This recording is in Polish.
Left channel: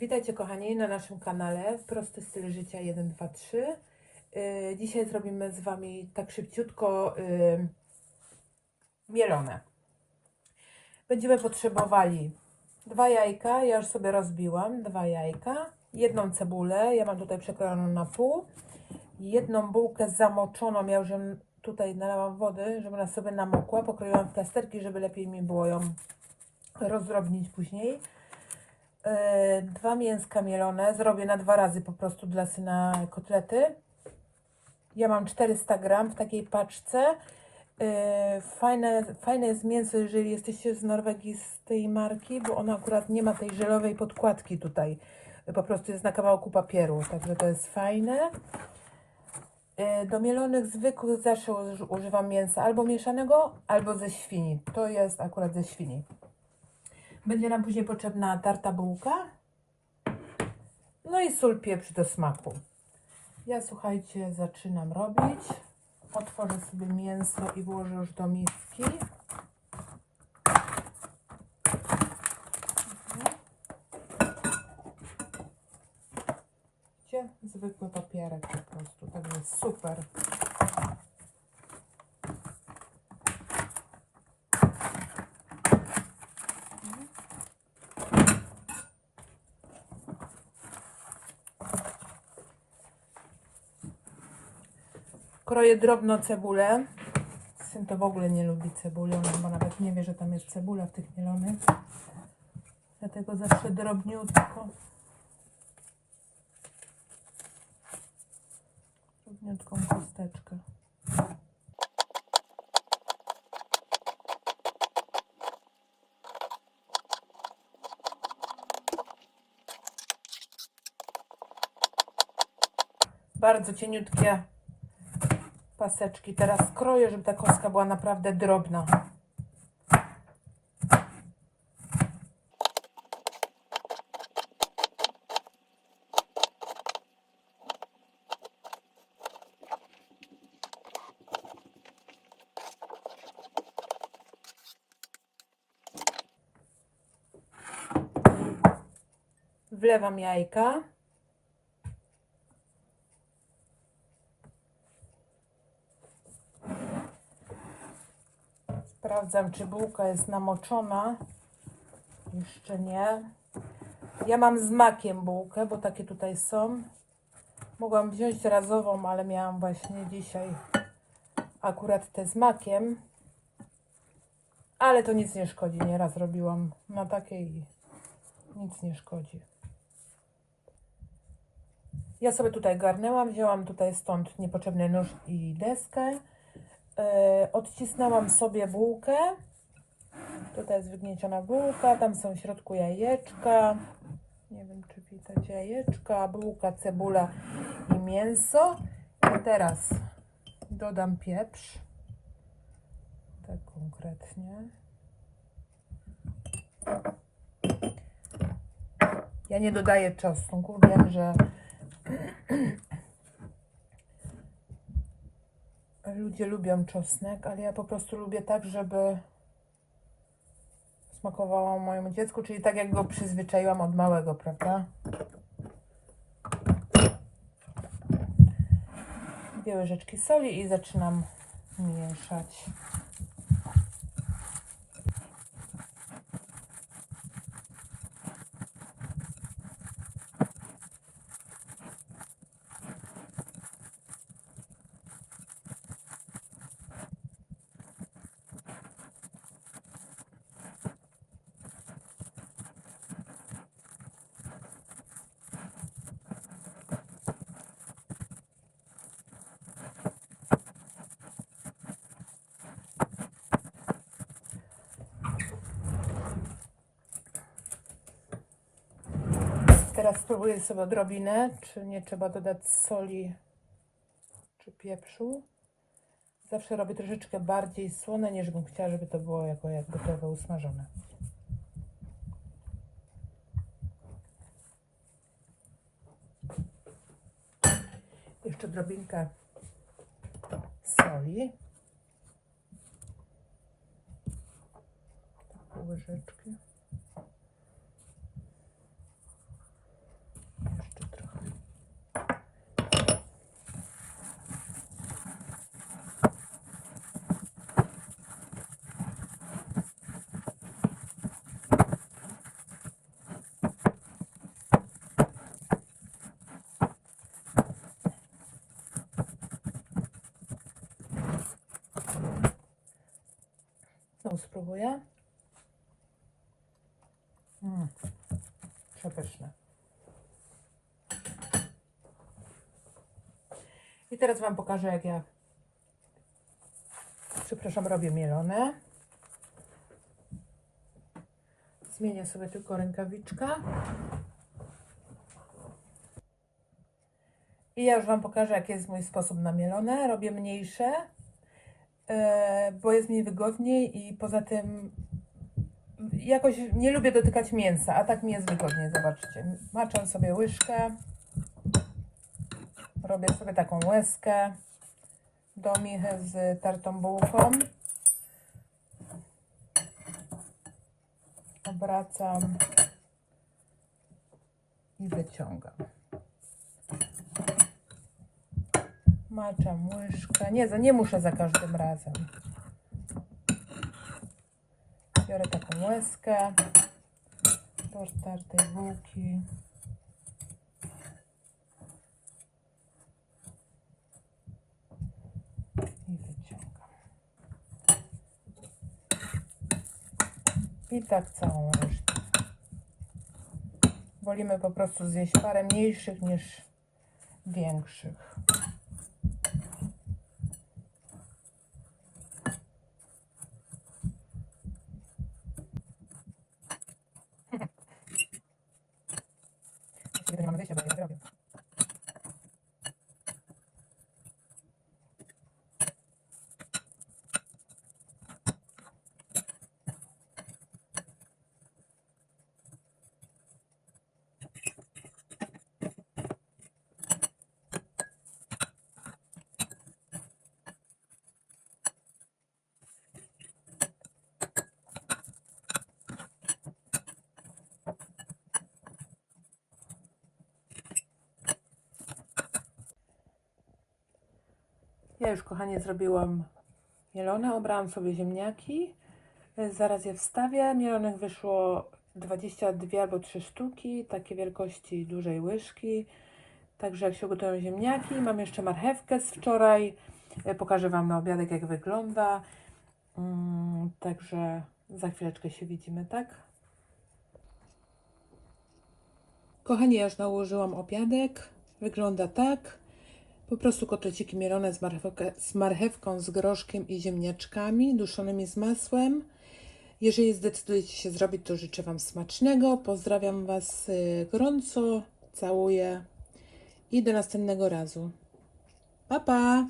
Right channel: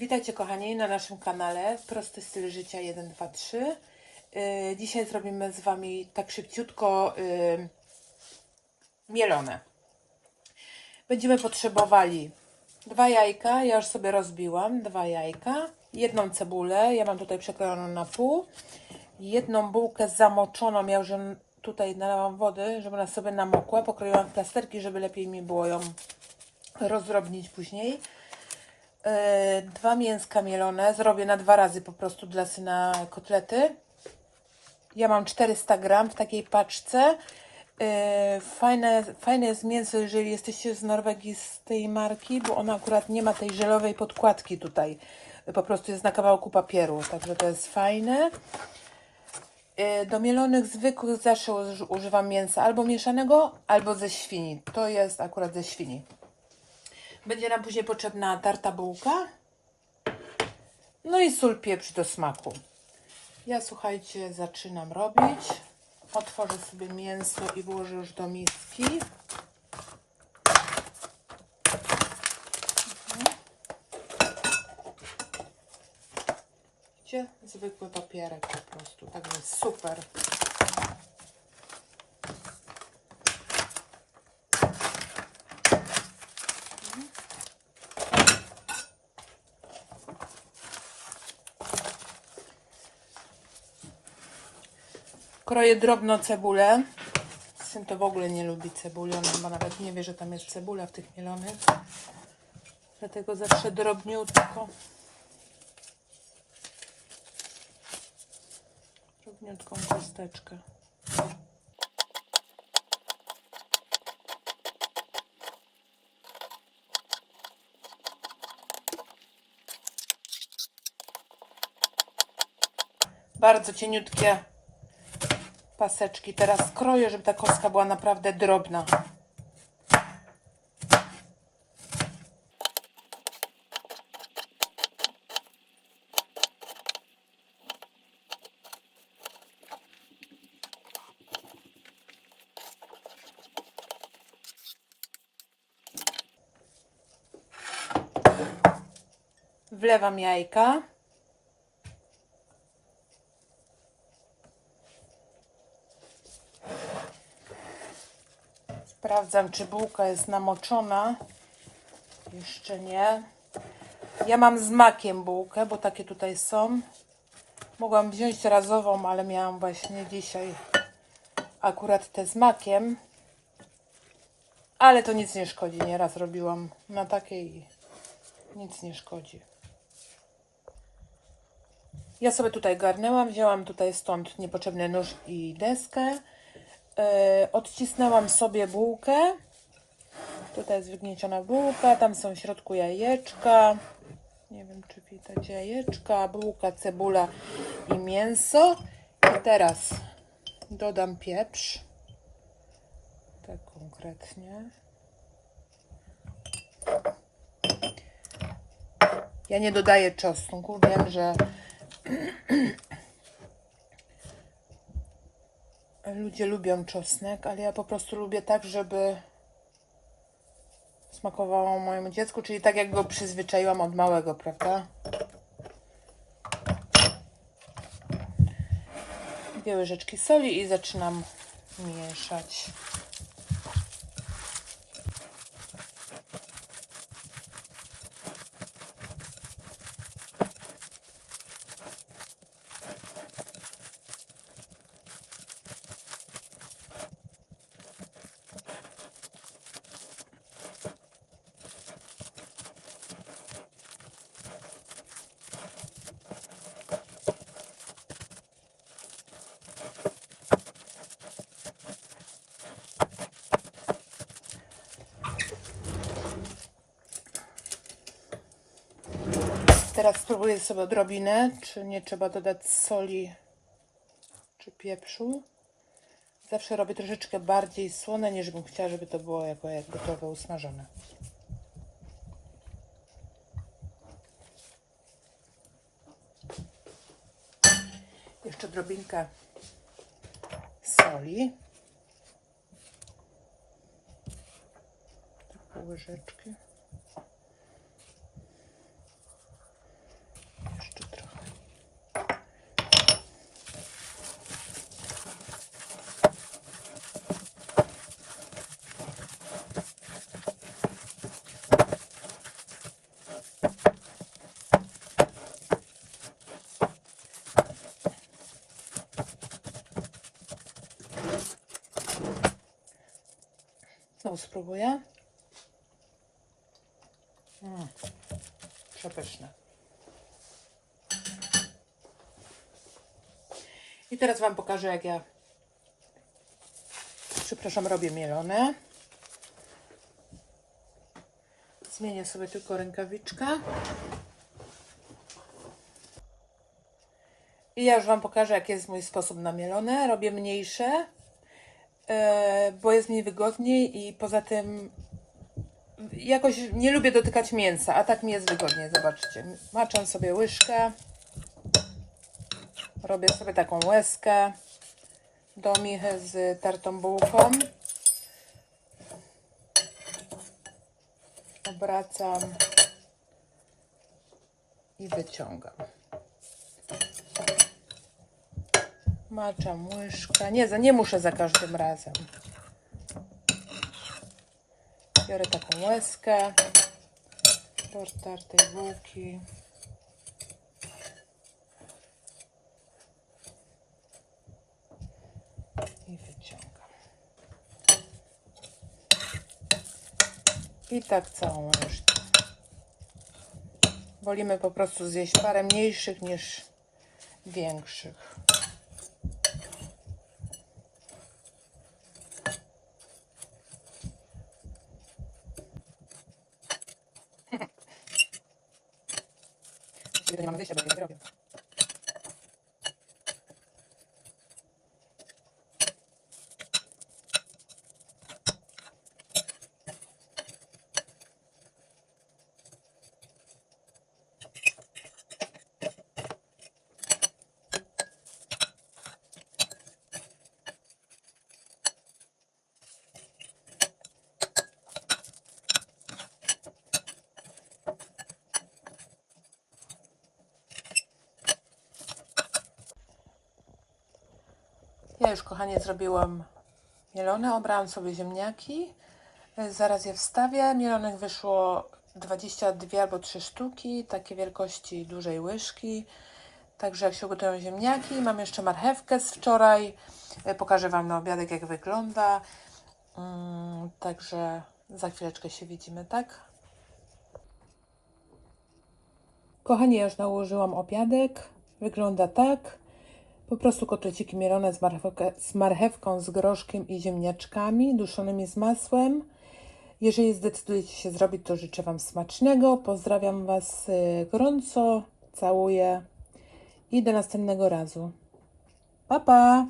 Witajcie kochani na naszym kanale Prosty styl życia 1, 2, 3. Yy, Dzisiaj zrobimy z Wami tak szybciutko yy, mielone. Będziemy potrzebowali dwa jajka, ja już sobie rozbiłam, dwa jajka, jedną cebulę, ja mam tutaj przekrojoną na pół, jedną bułkę zamoczoną, ja już tutaj nalałam wody, żeby ona sobie namokła, pokroiłam w plasterki, żeby lepiej mi było ją rozdrobnić później. E, dwa mięska mielone. Zrobię na dwa razy po prostu dla syna kotlety. Ja mam 400 gram w takiej paczce. E, Fajne, fajne jest mięso, jeżeli jesteście z Norwegii z tej marki, bo ona akurat nie ma tej żelowej podkładki tutaj. Po prostu jest na kawałku papieru, także to jest fajne. E, Do mielonych zwykłych zawsze uż- używam mięsa albo mieszanego, albo ze świni. To jest akurat ze świni. Będzie nam później potrzebna tarta bułka. No i sól, pieprz do smaku. Ja słuchajcie, zaczynam robić. Otworzę sobie mięso i włożę już do miski. Widzicie? Zwykły papierek po prostu. Tak jest super. Kroję drobno cebulę. Syn to w ogóle nie lubi cebuli, on chyba nawet nie wie, że tam jest cebula w tych mielonych. Dlatego zawsze drobniutko. Drobniutką kosteczkę. Bardzo cieniutkie paseczki. Teraz skroję, żeby ta kostka była naprawdę drobna. Wlewam jajka. Sprawdzam, czy bułka jest namoczona. Jeszcze nie. Ja mam z makiem bułkę, bo takie tutaj są. Mogłam wziąć razową, ale miałam właśnie dzisiaj akurat te z makiem. Ale to nic nie szkodzi. Nieraz robiłam na takiej nic nie szkodzi. Ja sobie tutaj garnęłam, wzięłam tutaj stąd niepotrzebny nóż i deskę. E, odcisnęłam sobie bułkę. Tutaj jest wygnieciona bułka, tam są w środku jajeczka. Nie wiem, czy widać jajeczka, bułka, cebula i mięso. I teraz dodam pieprz. Tak konkretnie. Ja nie dodaję czosnku, wiem, że ludzie lubią czosnek, ale ja po prostu lubię tak, żeby smakowało mojemu dziecku, czyli tak jak go przyzwyczaiłam od małego, prawda? Dwie łyżeczki soli i zaczynam mieszać. Teraz spróbuję sobie odrobinę, czy nie trzeba dodać soli czy pieprzu. Zawsze robię troszeczkę bardziej słone, niż bym chciała, żeby to było jako jak gotowe, usmażone. Jeszcze drobinkę soli. Tak, pół spróbuję. Mm. Przepyszne. I teraz Wam pokażę, jak ja, przepraszam, robię mielone. Zmienię sobie tylko rękawiczkę. I ja już Wam pokażę, jaki jest mój sposób na mielone. Robię mniejsze, bo jest mi wygodniej i poza tym jakoś nie lubię dotykać mięsa, a tak mi jest wygodniej. Zobaczcie, maczam sobie łyżkę. Robię sobie taką łezkę do michy z tartą bułką. Obracam i wyciągam. Maczam łyżkę. Nie, nie muszę za każdym razem. Biorę taką łezkę do tartej bułki. I wyciągam. I tak całą resztę. Wolimy po prostu zjeść parę mniejszych niż większych. Y efectivamente, de. Już, kochanie, zrobiłam mielone. Obrałam sobie ziemniaki. Y, Zaraz je wstawię. Mielonych wyszło 22 albo 3 sztuki, takie wielkości dużej łyżki. Także jak się ugotują ziemniaki, mam jeszcze marchewkę z wczoraj. Y, Pokażę Wam na obiadek, jak wygląda. Mm, Także za chwileczkę się widzimy, tak? Kochani, ja już nałożyłam obiadek. Wygląda tak. Po prostu kotleciki mielone z, marchewkę, z marchewką, z groszkiem i ziemniaczkami duszonymi z masłem. Jeżeli zdecydujecie się zrobić, to życzę Wam smacznego. Pozdrawiam Was y, gorąco, całuję i do następnego razu. Pa, pa!